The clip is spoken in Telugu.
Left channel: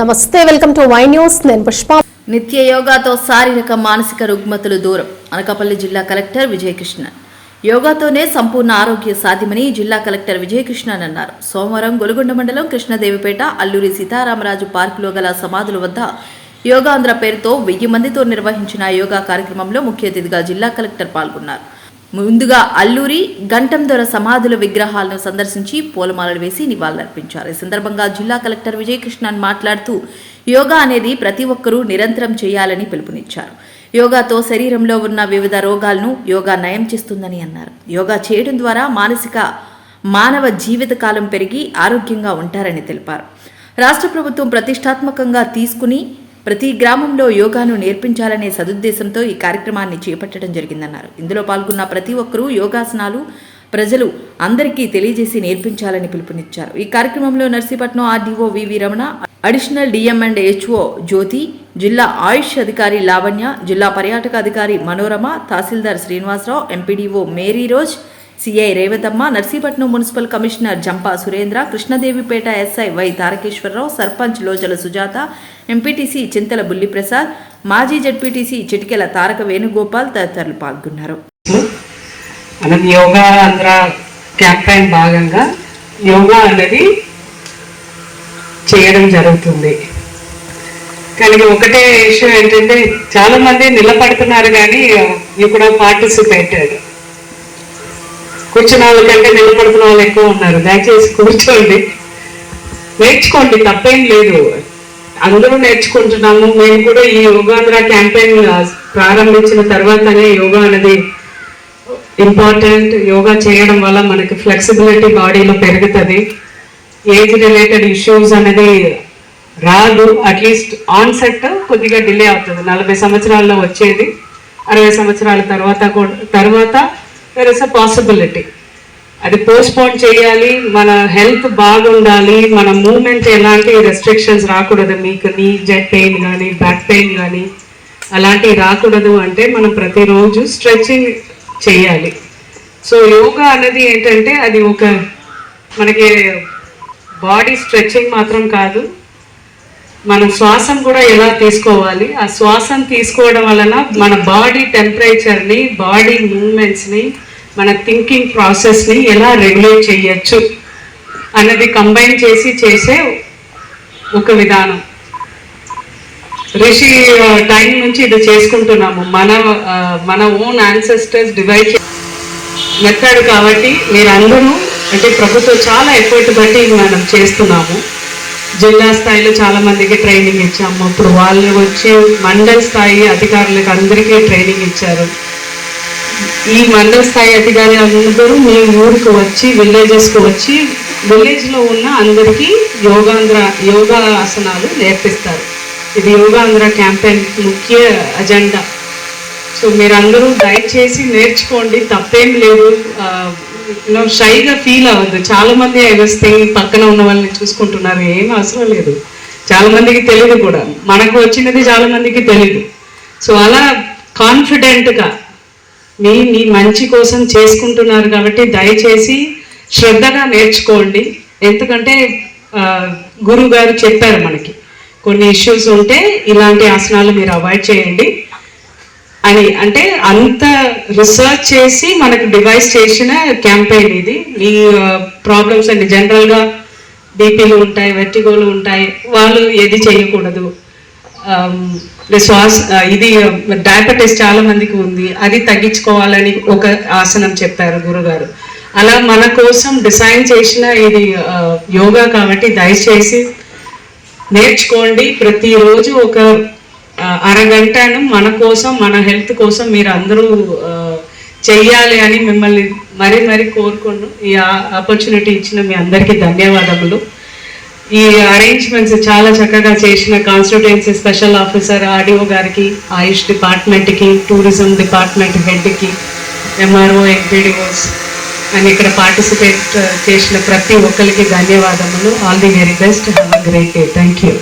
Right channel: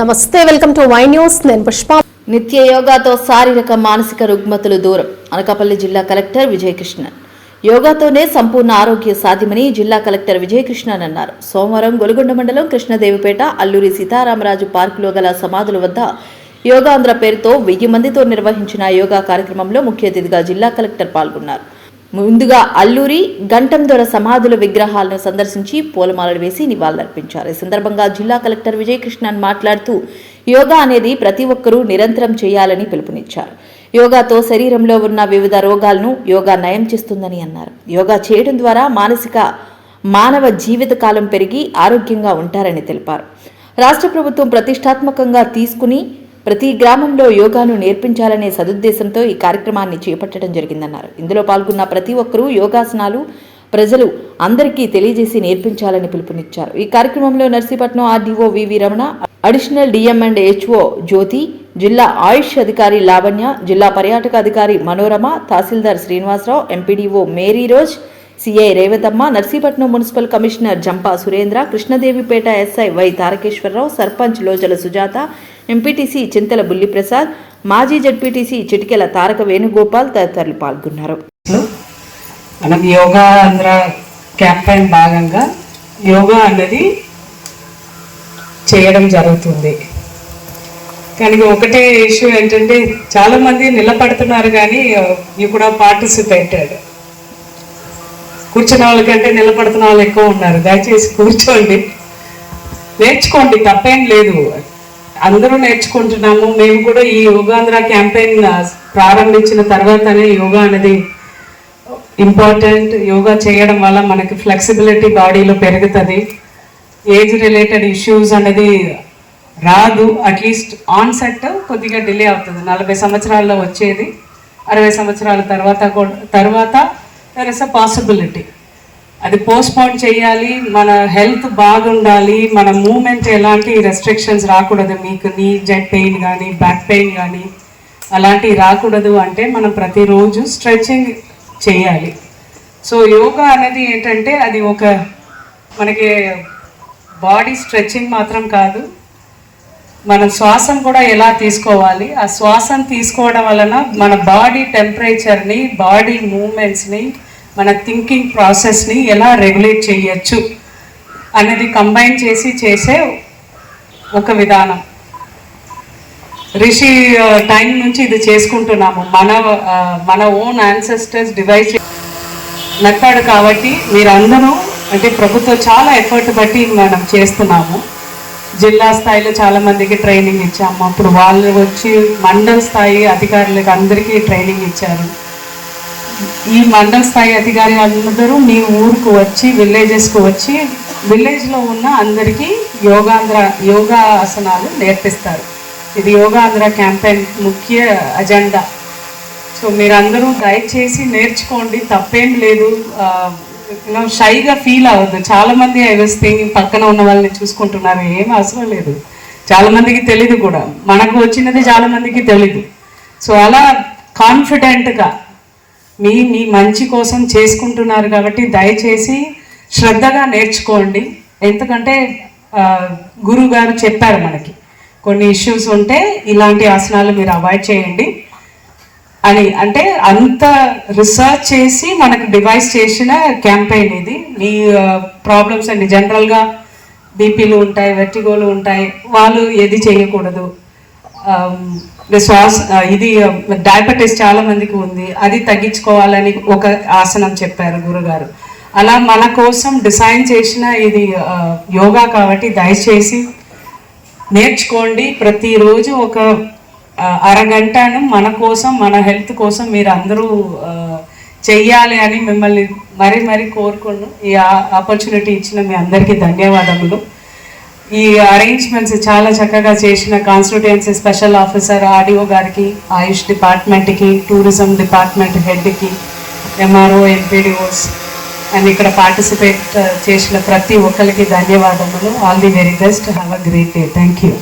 నమస్తే వెల్కమ్ టు వై న్యూస్. నేను పుష్ప. నిత్య యోగాతో శారీరక మానసిక రుగ్మతలు దూరం. అనకాపల్లి జిల్లా కలెక్టర్ విజయకృష్ణన్. యోగాతోనే సంపూర్ణ ఆరోగ్య సాధ్యమని జిల్లా కలెక్టర్ విజయకృష్ణన్ అన్నారు. సోమవారం గొలుగొండ మండలం కృష్ణదేవిపేట అల్లూరి సీతారామరాజు పార్కులో గల సమాధుల వద్ద యోగాంధ్ర పేరుతో వెయ్యి మందితో నిర్వహించిన యోగా కార్యక్రమంలో ముఖ్య అతిథిగా జిల్లా కలెక్టర్ పాల్గొన్నారు. ముందుగా అల్లూరి గంటందొర సమాధుల విగ్రహాలను సందర్శించి పూలమాలలు వేసి నివాళులర్పించారు. ఈ సందర్భంగా జిల్లా కలెక్టర్ విజయకృష్ణన్ మాట్లాడుతూ యోగా అనేది ప్రతి ఒక్కరూ నిరంతరం చేయాలని పిలుపునిచ్చారు. యోగాతో శరీరంలో ఉన్న వివిధ రోగాలను యోగా నయం చేస్తుందని అన్నారు. యోగా చేయడం ద్వారా మానసిక మానవ జీవితకాలం పెరిగి ఆరోగ్యంగా ఉంటారని తెలిపారు. రాష్ట్ర ప్రభుత్వం ప్రతిష్టాత్మకంగా తీసుకుని ప్రతి గ్రామంలో యోగాను నేర్పించాలనే సదుద్దేశంతో ఈ కార్యక్రమాన్ని చేపట్టడం జరిగిందన్నారు. ఇందులో పాల్గొన్న ప్రతి ఒక్కరూ యోగాసనాలు ప్రజలు అందరికీ తెలియజేసి నేర్పించాలని పిలుపునిచ్చారు. ఈ కార్యక్రమంలో Narsipatnam RDO VV Ramana additional DM and HO Jyothi జిల్లా ఆయుష్ అధికారి లావణ్య జిల్లా పర్యాటక అధికారి Manorama tahsildar Srinivasarao MPDO Mary Rose CI Revathamma Narsipatnam municipal commissioner Jampa Surendra Krishnadevipeta SI Y Tarakeswararao sarpanch Lojala Sujatha MPTC Chintala Bulliprasad మాజీ జడ్పీటీసీ చిటికెల తారక వేణుగోపాల్ తదితరులు పాల్గొన్నారు. మనం యోగా ఆంధ్ర క్యాంపెయిన్ భాగంగా యోగా అనేది చేయడం జరుగుతుంది. కానీ ఒకటే ఇష్యూ ఏంటంటే చాలా మంది నిలబడుతున్నారు కానీ యూ కూడా పార్టిసిపేటెడ్. కూర్చున్న వాళ్ళకంటే నిలబడుతున్న వాళ్ళు ఎక్కువ ఉన్నారు. దయచేసి కూర్చోండి. నేర్చుకోండి తప్పేం లేదు. అందరూ నేర్చుకుంటున్నాము. మేము కూడా ఈ యోగాంధ్ర క్యాంపెయిన్ ప్రారంభించిన తర్వాతనే యోగా అనేది ఇంపార్టెంట్. యోగా చేయడం వల్ల మనకి ఫ్లెక్సిబిలిటీ బాడీలో పెరుగుతుంది. ఏజ్ రిలేటెడ్ ఇష్యూస్ అనేది రాదు. అట్లీస్ట్ ఆన్సెట్ కొద్దిగా డిలే అవుతుంది. నలభై సంవత్సరాల్లో వచ్చేది. అరవై సంవత్సరాల తర్వాత కూడా తర్వాత దర్ ఇస్ అ పాసిబిలిటీ అది పోస్ట్పోన్ చేయాలి మన హెల్త్ బాగుండాలి మన మూమెంట్ ఎలాంటి రెస్ట్రిక్షన్స్ రాకూడదు. మీకు నీ జెట్ పెయిన్ కానీ బ్యాక్ పెయిన్ కానీ అలాంటివి రాకూడదు అంటే మనం ప్రతిరోజు స్ట్రెచ్చింగ్ చేయాలి. సో యోగా అనేది ఏంటంటే అది ఒక మనకి బాడీ స్ట్రెచ్చింగ్ మాత్రం కాదు. మన శ్వాసం కూడా ఎలా తీసుకోవాలి? ఆ శ్వాసం తీసుకోవడం వలన మన బాడీ టెంపరేచర్ని బాడీ మూమెంట్స్ని మన థింకింగ్ ప్రాసెస్ని ఎలా రెగ్యులేట్ చేయొచ్చు అన్నది కంబైన్ చేసి చేసే ఒక విధానం. రిషి టైం నుంచి ఇది చేసుకుంటున్నాము. మన మన ఓన్ యాన్సెస్టర్స్ డివైడ్ మెథడ్ కాబట్టి మీరందరూ అంటే ప్రభుత్వం చాలా ఎఫర్ట్ బట్టి మనం చేస్తున్నాము. జిల్లా స్థాయిలో చాలా మందికి ట్రైనింగ్ ఇచ్చాము. అప్పుడు వాళ్ళు వచ్చి మండల స్థాయి అధికారులకు అందరికీ ట్రైనింగ్ ఇచ్చారు. ఈ మండల స్థాయి అధికారి అందరూ మీ ఊరికి వచ్చి విలేజెస్కి వచ్చి విలేజ్లో ఉన్న అందరికీ యోగాంధ్ర యోగా ఆసనాలు నేర్పిస్తారు. ఇది యోగాంధ్ర క్యాంపెయిన్ ముఖ్య అజెండా. సో మీరందరూ దయచేసి నేర్చుకోండి తప్పేం లేదు. యూనో షైగా ఫీల్ అవ్వద్దు. చాలామంది ఐ థింగ్ పక్కన ఉన్న వాళ్ళని చూసుకుంటున్నారు. ఏం అవసరం లేదు. చాలామందికి తెలియదు కూడా. మనకు వచ్చినది చాలామందికి తెలియదు సో అలా కాన్ఫిడెంట్గా మీ మీ మంచి కోసం చేసుకుంటున్నారు కాబట్టి దయచేసి శ్రద్ధగా నేర్చుకోండి. ఎందుకంటే గురువు గారు చెప్పారు మనకి కొన్ని ఇష్యూస్ ఉంటే ఇలాంటి ఆసనాలు మీరు అవాయిడ్ చేయండి. అని అంటే అంత రీసెర్చ్ చేసి మనకు డివైస్ చేసిన క్యాంపెయిన్ ఇది. మీ ప్రాబ్లమ్స్ అండి జనరల్గా బీపీలు ఉంటాయి వెట్టిగోలు ఉంటాయి వాళ్ళు ఏది చేయకూడదు. Um, శ్వాస ఇది డయాబెటీస్ చాలా మందికి ఉంది. అది తగ్గించుకోవాలని ఒక ఆసనం చెప్పారు గురుగారు. అలా మన కోసం డిసైన్ చేసిన ఇది యోగా కాబట్టి దయచేసి నేర్చుకోండి. ప్రతిరోజు ఒక అరగంటను మన కోసం మన హెల్త్ కోసం మీరు అందరూ చెయ్యాలి అని మిమ్మల్ని మరీ మరీ కోరుకుంటూ ఈ ఆపర్చునిటీ ఇచ్చిన మీ అందరికీ ధన్యవాదములు. ఈ అరేంజ్మెంట్స్ చాలా చక్కగా చేసిన కాన్స్టిట్యుయెన్సీ స్పెషల్ ఆఫీసర్ ఆర్డీఓ గారికి ఆయుష్ డిపార్ట్మెంట్కి టూరిజం డిపార్ట్మెంట్ హెడ్కి ఎంఆర్ఓ ఎంపీడీఓస్ అండ్ ఇక్కడ పార్టిసిపేట్ చేసిన ప్రతి ఒక్కరికి ధన్యవాదములు. All the very best have a great day thank you